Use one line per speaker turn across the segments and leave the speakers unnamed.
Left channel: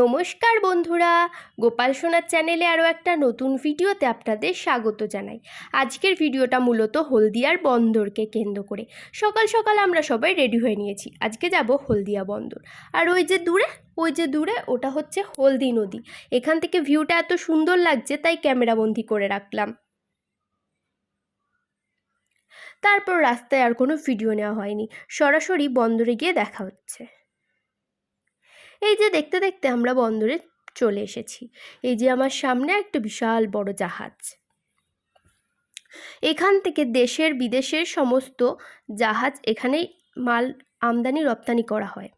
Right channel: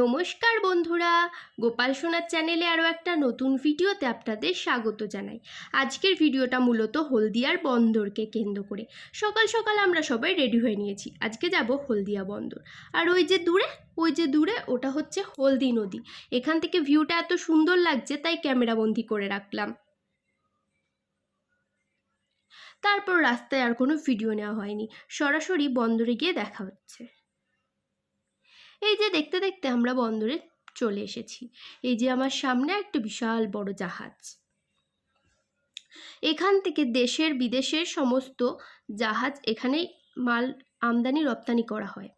নমস্কার বন্ধুরা। গোপাল সোনার চ্যানেলে আরও একটা নতুন ভিডিওতে আপনাদের স্বাগত জানাই। আজকের ভিডিওটা মূলত হলদিয়ার বন্দরকে কেন্দ্র করে। সকাল সকাল আমরা সবাই রেডি হয়ে নিয়েছি। আজকে যাব হলদিয়া বন্দর। আর ওই যে দূরে, ওই যে দূরে ওটা হচ্ছে হলদি নদী। এখান থেকে ভিউটা এত সুন্দর লাগছে, তাই ক্যামেরাবন্দি করে রাখলাম। তারপর রাস্তায় আর কোনো ভিডিও নেওয়া হয়নি। সরাসরি বন্দরে গিয়ে দেখা হচ্ছে। এই যে দেখতে দেখতে আমরা বন্দরে চলে এসেছি। এই যে আমার সামনে একটা বিশাল বড় জাহাজ। এখান থেকে দেশের বিদেশের সমস্ত জাহাজ এখানেই মাল আমদানি রপ্তানি করা হয়।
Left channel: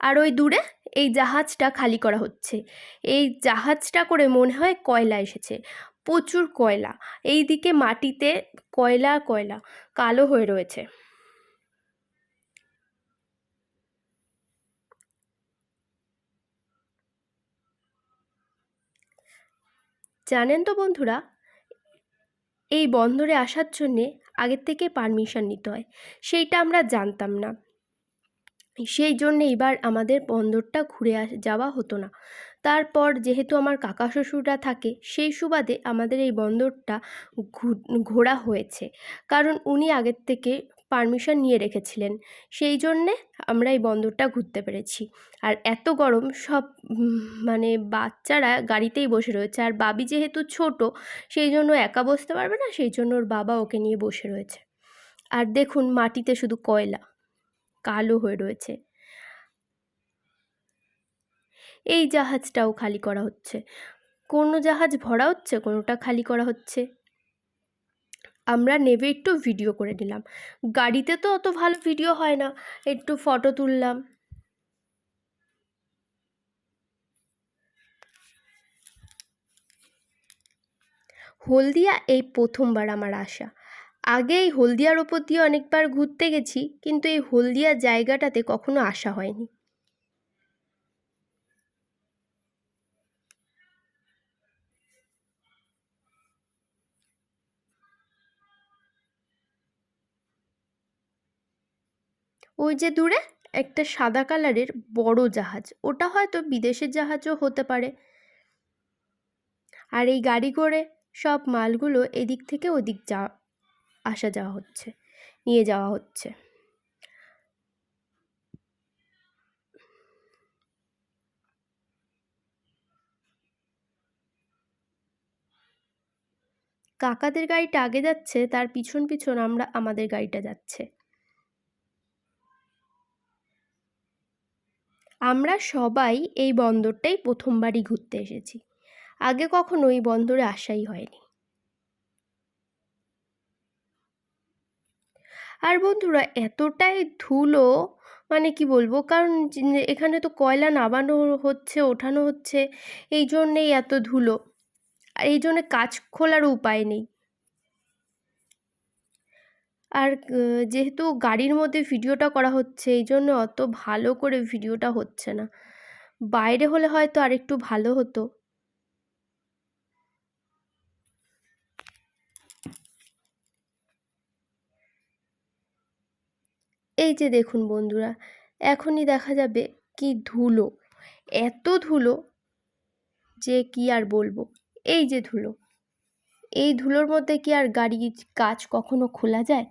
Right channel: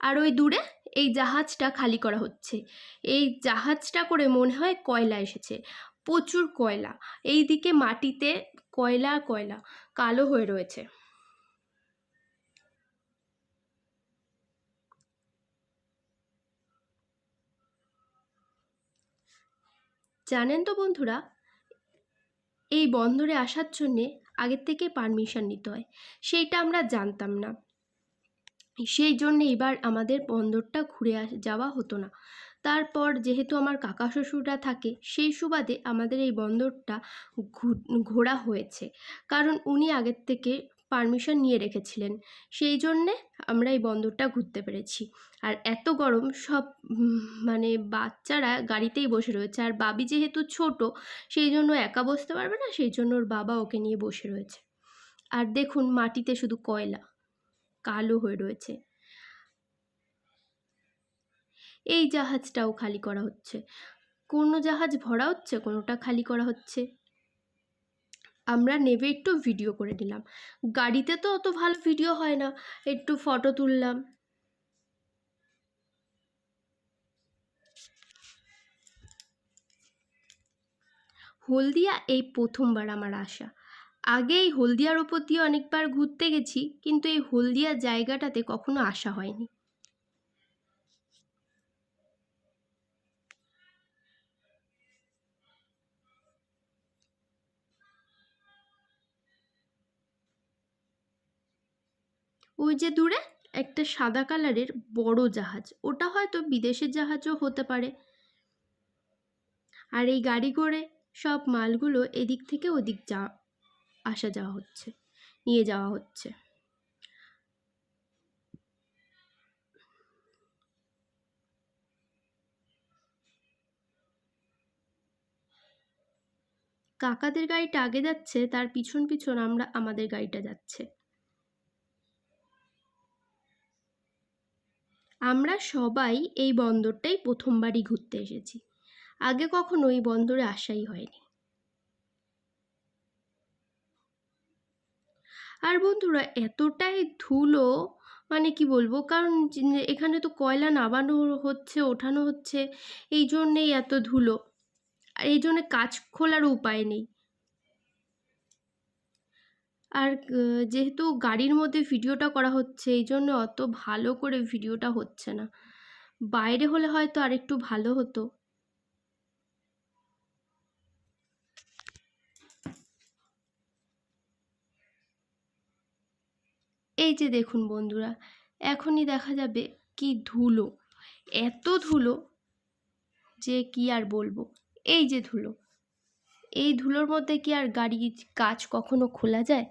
আর ওই দূরে এই জাহাজটা খালি করা হচ্ছে। এই জাহাজটা করে মনে হয় কয়লা এসেছে। প্রচুর কয়লা। এই দিকে মাটিতে কয়লা কয়লা কালো হয়ে রয়েছে। জানেন তো বন্ধুরা, এই বন্দরে আসার জন্যে আগের থেকে পারমিশন নিতে হয়, সেইটা আমরা জানতাম না। সেই জন্যে এবার আমাদের বন্দরটা ঘুরে যাওয়া হতো না। তারপর যেহেতু আমার কাকা শ্বশুররা থাকে, সেই সুবাদে আমাদের এই বন্দরটা ঘোরা হয়েছে। কারণ উনি আগের থেকে পারমিশন নিয়ে রেখেছিলেন। সেই জন্যে আমরা এই বন্দরটা ঘুরতে পেরেছি। আর এত গরম, সব মানে বাচ্চারা গাড়িতেই বসে রয়েছে। আর বাবি যেহেতু ছোট, সেই জন্য একা বসতে পারবে না, সেই জন্য ওর বাবা ওকে নিয়ে বসে রয়েছে। আর দেখুন, মাটিতে শুধু কয়লা, কালো হয়ে রয়েছে। এই জাহাজটাও খালি করা হচ্ছে। কোনো জাহাজ ভরা হচ্ছে, কোনোটা খালি করা হচ্ছে। আমরা নেবে একটু ভিডিও করে নিলাম গাড়িতে তো অত ভালো ভিডিও হয় না, একটু ফটো তুললাম। হলদিয়া, এই প্রথমবার আমার আসা। আগে এই হলদিয়ার ওপর দিয়ে অনেকবার ঘুরতে গেছি, কিন্তু এই হলদিয়া জায়গাটাতে কখনো আসা হয়নি। ওই যে দূরে একটা সাদা কালারের বড় জাহাজ। ওটা হয়তো বিদেশের জাহাজও হতে পারে। আর এই গাড়ি করে সব মালগুলো এদিক থেকে ওদিক যা, আসা যাওয়া হচ্ছে, নিয়ে যাওয়া হচ্ছে। কাকাদের গাড়িটা আগে যাচ্ছে, তার পিছন পিছন আমরা, আমাদের গাড়িটা যাচ্ছে। আমরা সবাই এই বন্দরটাই প্রথমবারই ঘুরতে এসেছি। আগে কখনো এই বন্দরে আসাই হয়নি। আর বন্ধুরা, এতটাই ধুলো মানে কি বলব, কারণ এখানে তো কয়লা নামানো হচ্ছে, ওঠানো হচ্ছে এই জন্যেই এত ধুলো। আর এই জন্যে কাজ খোলার উপায় নেই। আর যেহেতু গাড়ির মধ্যে ভিডিওটা করা হচ্ছে এই জন্য অত ভালো করে ভিডিওটা হচ্ছে না। বাইরে হলে হয়তো আর একটু ভালো হতো। এই যে দেখুন বন্ধুরা, এখনই দেখা যাবে কি ধুলো, এত ধুলো যে কি আর বলব, এই যে ধুলো। এই ধুলোর মধ্যে কি আর গাড়ির কাজ কখনো খোলা যায়?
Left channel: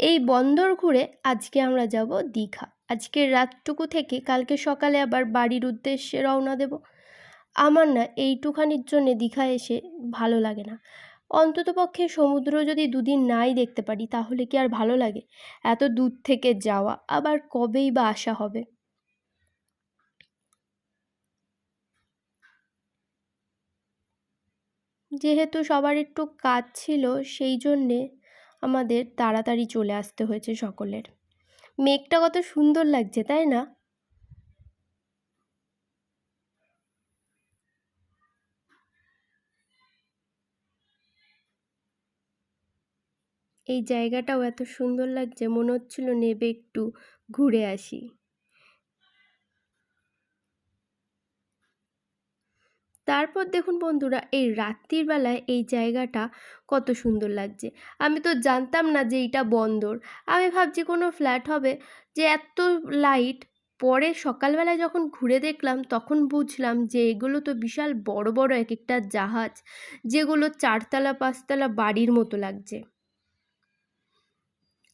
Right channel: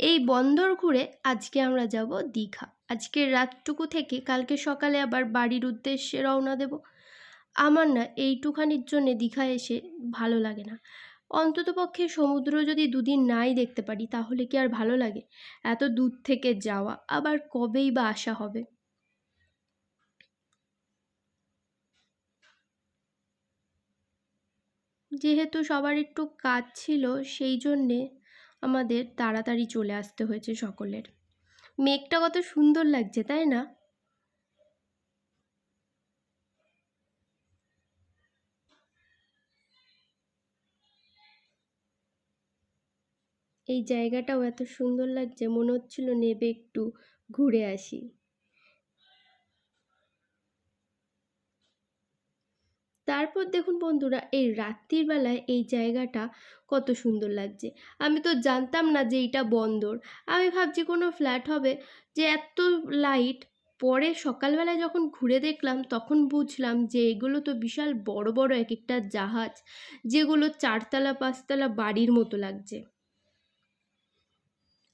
এই বন্দর ঘুরে আজকে আমরা যাব দীঘা। আজকের রাতটুকু থেকে কালকে সকালে আবার বাড়ির উদ্দেশ্যে রওনা দেব। আমার না এইটুখানির জন্যে দীঘা এসে ভালো লাগে না। অন্ততপক্ষে সমুদ্র যদি দুদিন নাই দেখতে পারি, তাহলে কি আর ভালো লাগে? এত দূর থেকে যাওয়া, আবার কবেই বা আসা হবে? যেহেতু সবার একটু কাজ ছিল, সেই জন্যে আমাদের তাড়াতাড়ি চলে আসতে হয়েছে সকলের। মেঘটা কত সুন্দর লাগছে, তাই না? এই জায়গাটাও এত সুন্দর লাগছে, মনে হচ্ছিল নেবে একটু ঘুরে আসি। তারপর দেখুন বন্ধুরা, এই রাত্রির বেলায় এই জায়গাটা কত সুন্দর লাগছে। আমি তো জানতাম না যে এইটা বন্দর। আমি ভাবছি কোনো ফ্ল্যাট হবে যে এত লাইট। পরে সকালবেলায় যখন ঘুরে দেখলাম, তখন বুঝলাম যে এগুলো তো বিশাল বড় বড় এক একটা জাহাজ, যেগুলো চারতলা, পাঁচতলা বাড়ির মতো লাগছে।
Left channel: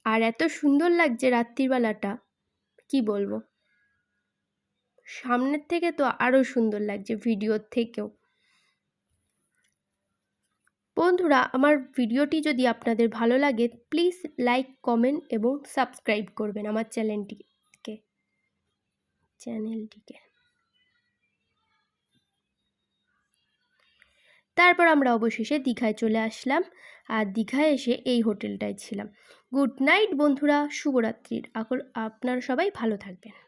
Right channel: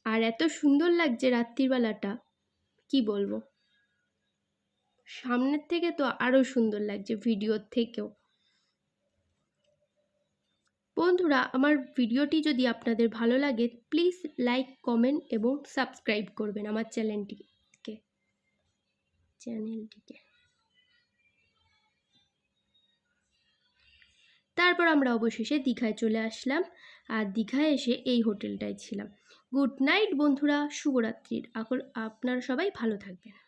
আর এত সুন্দর লাগছে রাত্রিবেলাটা কি বলব? সামনের থেকে তো আরও সুন্দর লাগছে ভিডিওর থেকেও। বন্ধুরা, আমার ভিডিওটি যদি আপনাদের ভালো লাগে প্লিজ লাইক কমেন্ট এবং সাবস্ক্রাইব করবেন আমার চ্যানেলটিকে চ্যানেলটিকে। তারপর আমরা অবশেষে দীঘায় চলে আসলাম আর দীঘায় এসে এই হোটেলটায় ছিলাম। গুড নাইট বন্ধুরা, শুভরাত্রির। এখন আপনারা সবাই ভালো থাকবেন।